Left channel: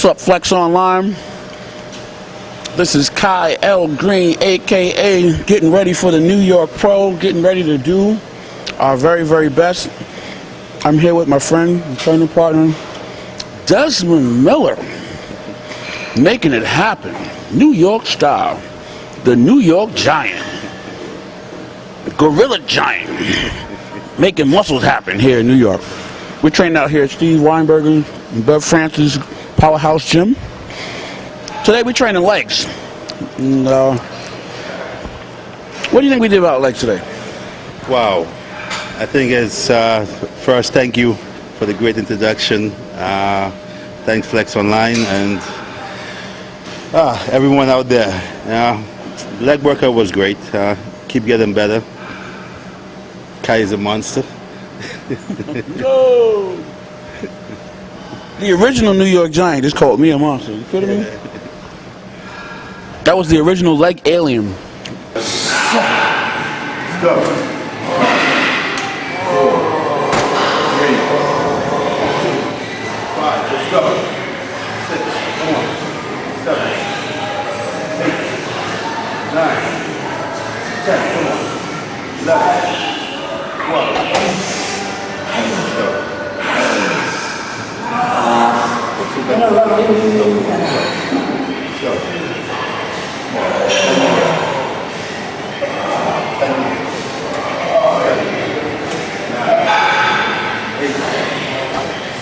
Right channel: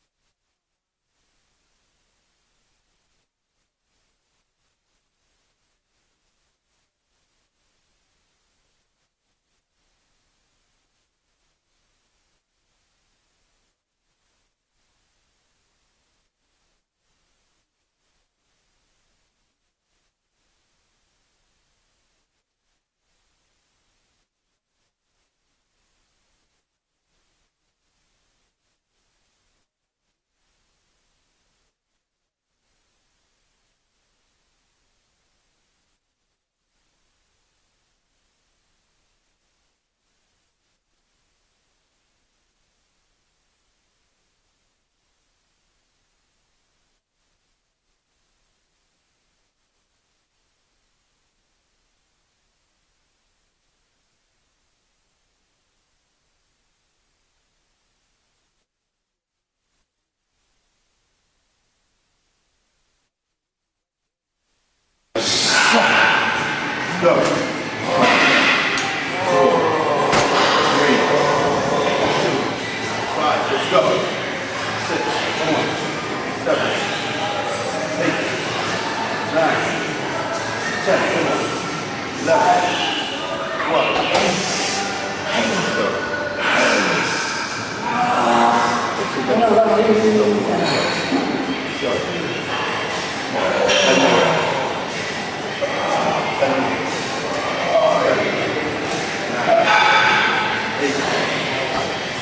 What's up, Flex Online? This is Kai L. Green, aka getting ready for the New York Pro, getting ready to do our very, very best. I'm here with my friend and training partner, Dezmond Miller, making it happen, New York style. The New York Giant, the Gorilla Giant, making muscles happen here in New York. We're training out here at Steve Weinberger and Bev Francis Powerhouse Gym. Today we're training legs. And, what do you think we did about legs today? Wow. I think it's, first, thank you for the great introduction. Thanks Flex Online and everyone out there. Leg workout was great. Keep getting better. Kai is a monster. Yo! The original New York Giant just called me a monster. You kidding me? That was the original leg alien. Let's go. 5, 4, 3, 5, let's go. 6, come on. 7, 8, 9, 10, come on. 11, 12, let's go. Let's go.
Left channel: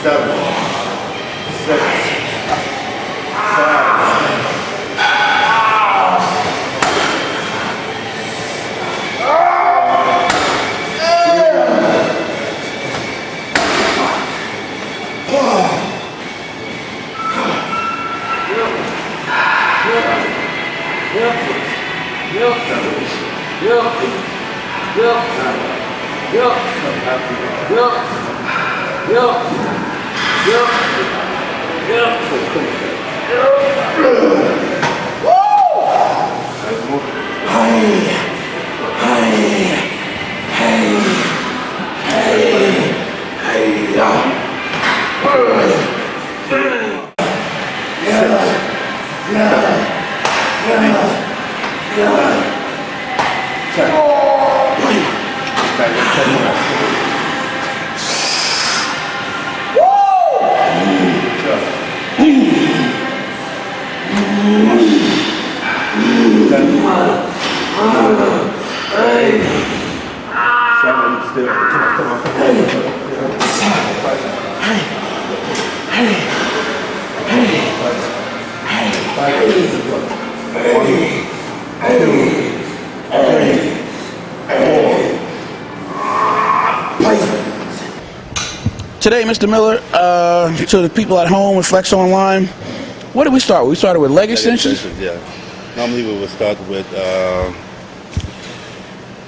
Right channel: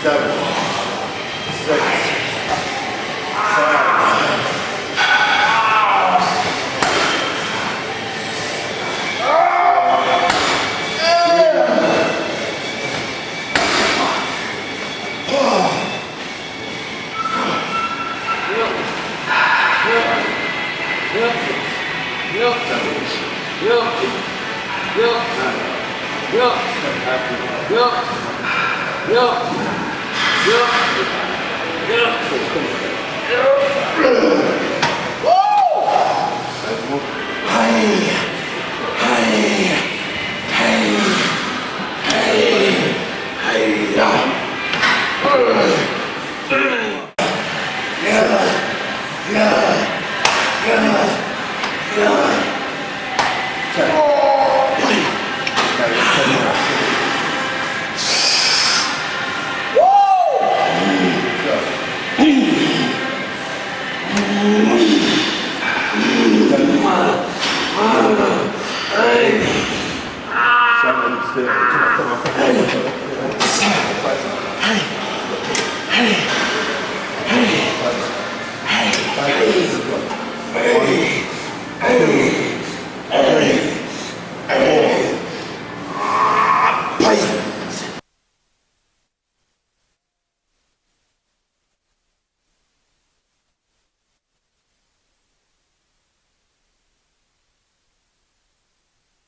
7, 6, 5. Today, Mr. Miller, to the people at home with Flex Online, what did we start with? We started with leg extensions? Yeah. Normally we would start with,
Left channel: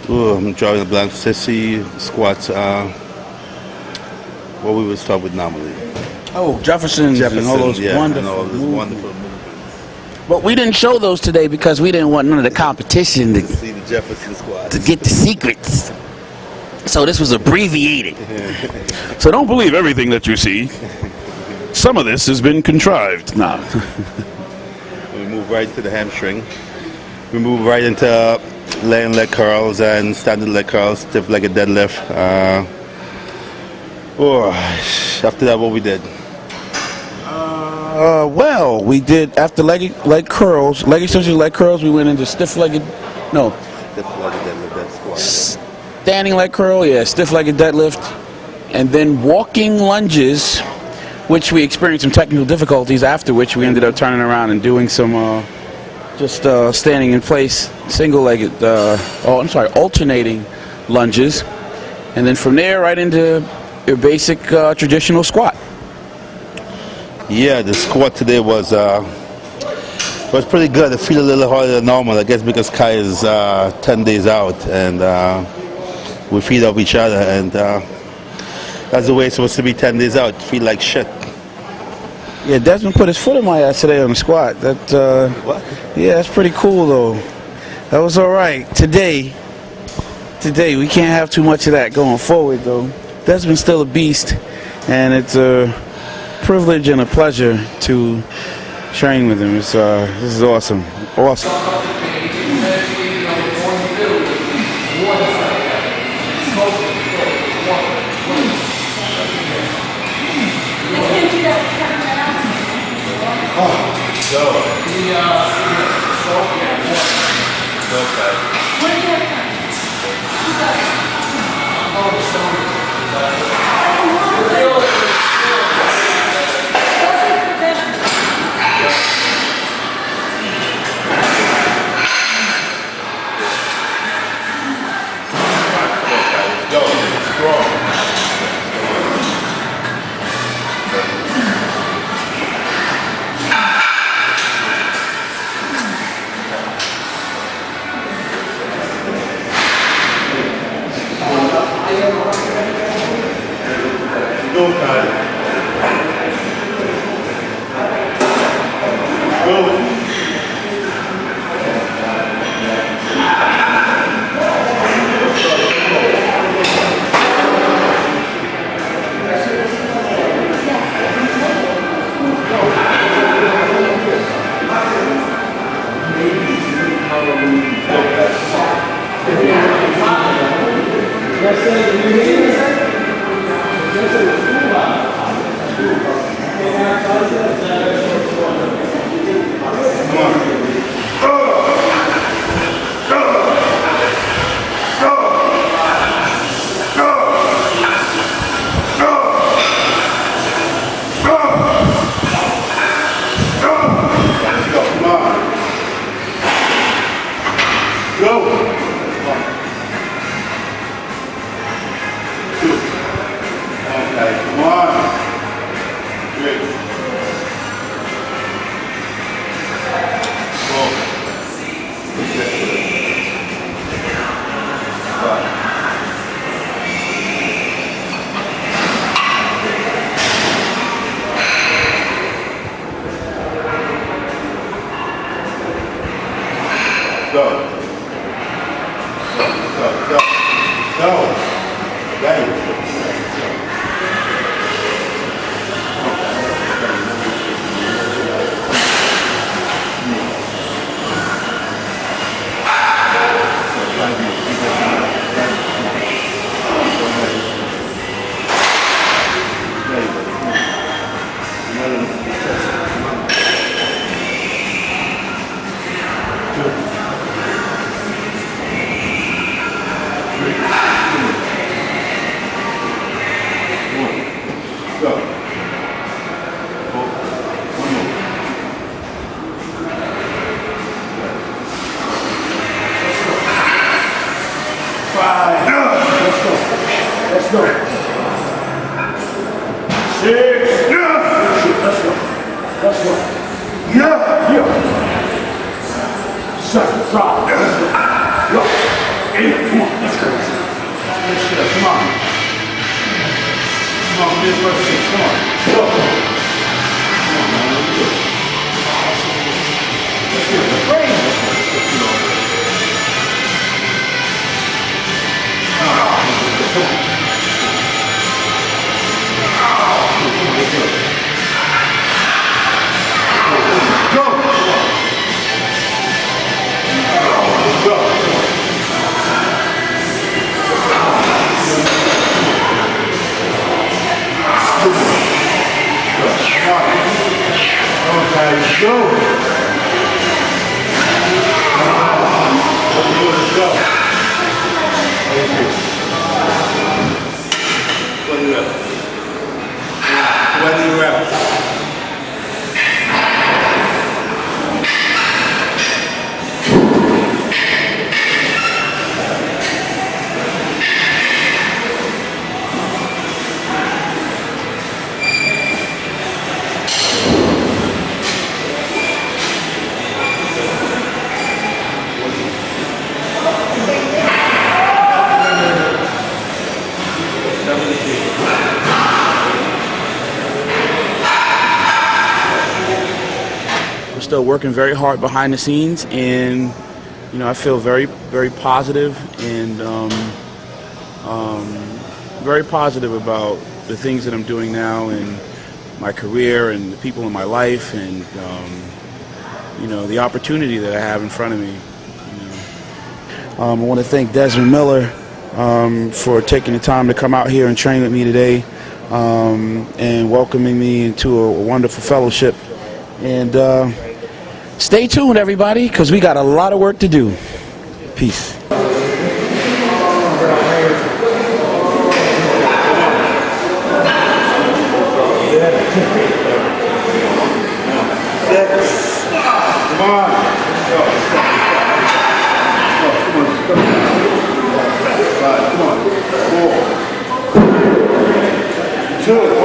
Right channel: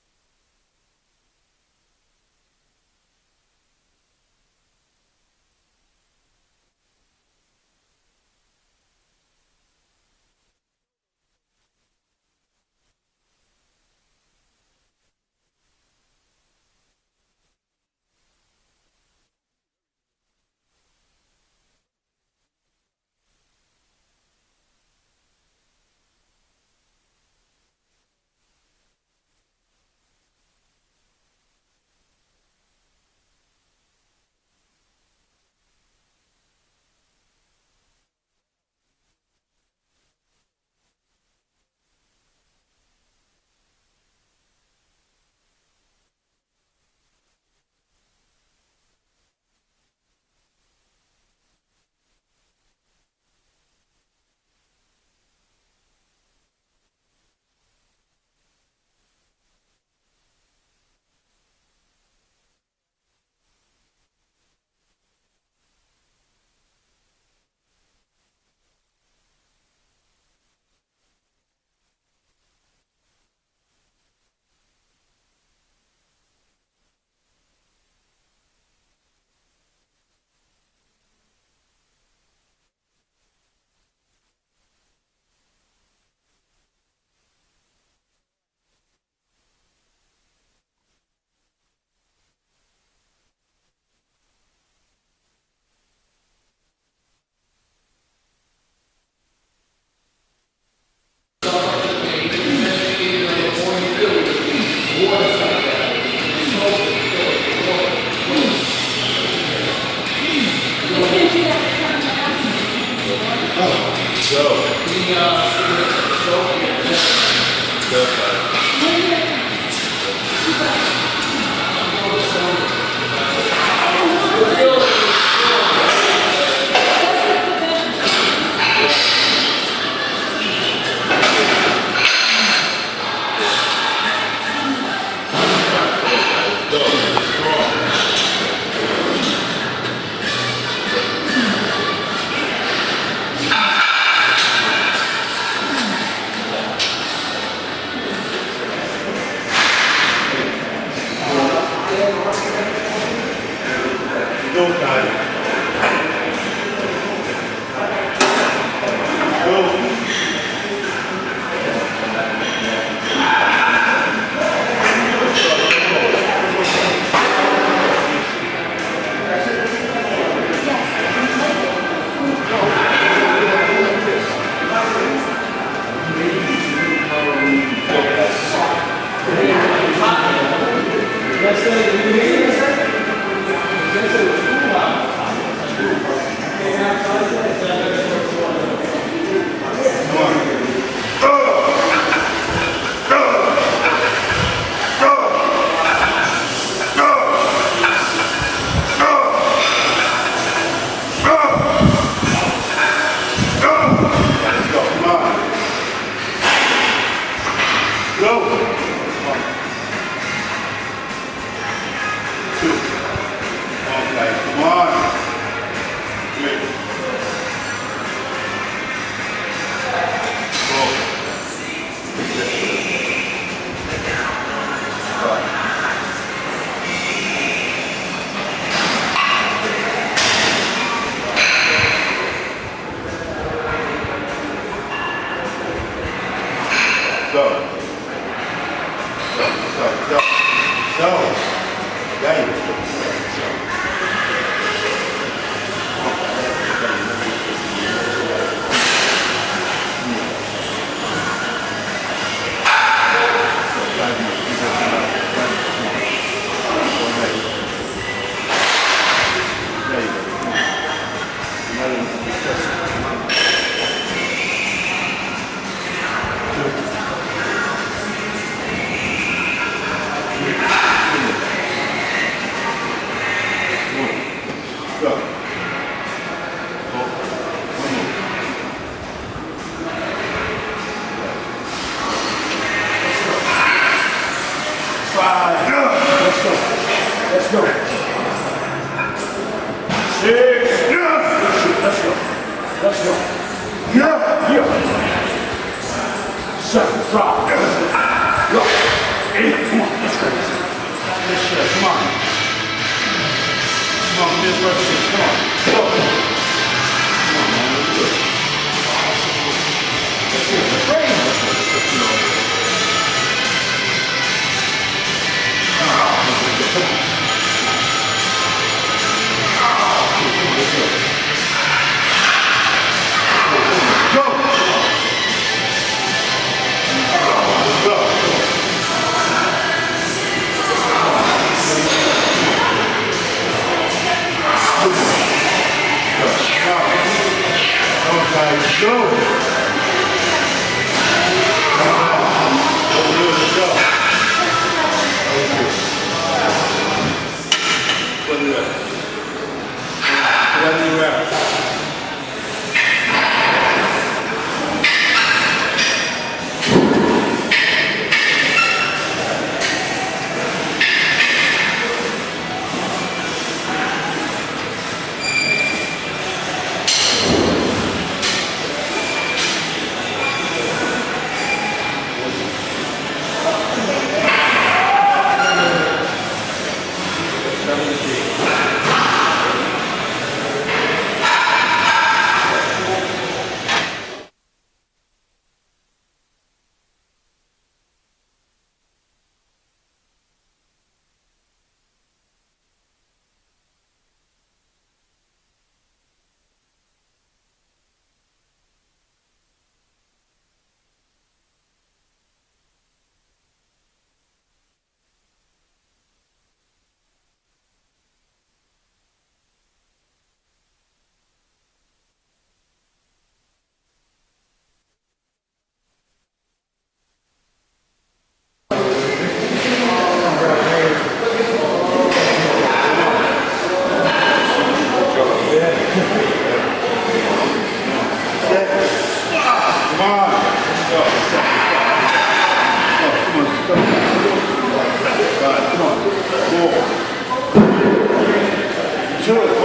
I'm drawing a blank, sissy, squats. What we would start with normally. Oh, Jeffersons and all those wonderful movements. But we didn't show those today because we didn't want none of the competition to see the Jefferson squats, to get the secrets. So this was abbreviated. So don't believe everything that you see. Some of this has been contrived. Nah. We move right into the hamstring. We move right into laying leg curls and standard leg curls, stiff-legged deadlift. After that, what we did? Well, we did after leg curls, leg extensions, leg curls. We went into stiff-legged, no. Stiff-legged deadlift, that's squat. Standing leg curl, yeah, stiff-legged deadlift, and then walking lunges, which we experienced some technical difficulties. After which we ended up turning around and doing some just standing in place, single-legged, alternating lunges, and then from there right into your basic traditional squat. Yeah, the squat today was pretty good. I feel a little harder than normal, I guess because Kai is 10 days out, and we feed off each other, and that's the way it's supposed to be. 10 days out, feel like shit. Yeah, Dezmond put his foot in my ass today on the squat. What? Yeah, that's pretty cool though. That was all right. Today we can't have too much of that going forward though. Dezmond's still a beast, and it's privilege and a pleasure to train with him. This is awesome. Awesome. Still working very hard behind the scenes, and I feel very, very positive and very positive about the things that I'm doing now, and my career and the people in my life, and you know, the opportunity that I have in front of me. I want to thank Dezmond Miller for taking the time to come out here and train with me today, and welcoming me into a wonderful fellowship. And stay tuned, everybody, because we got a lot of work to do. Peace. Come on. 4, 2.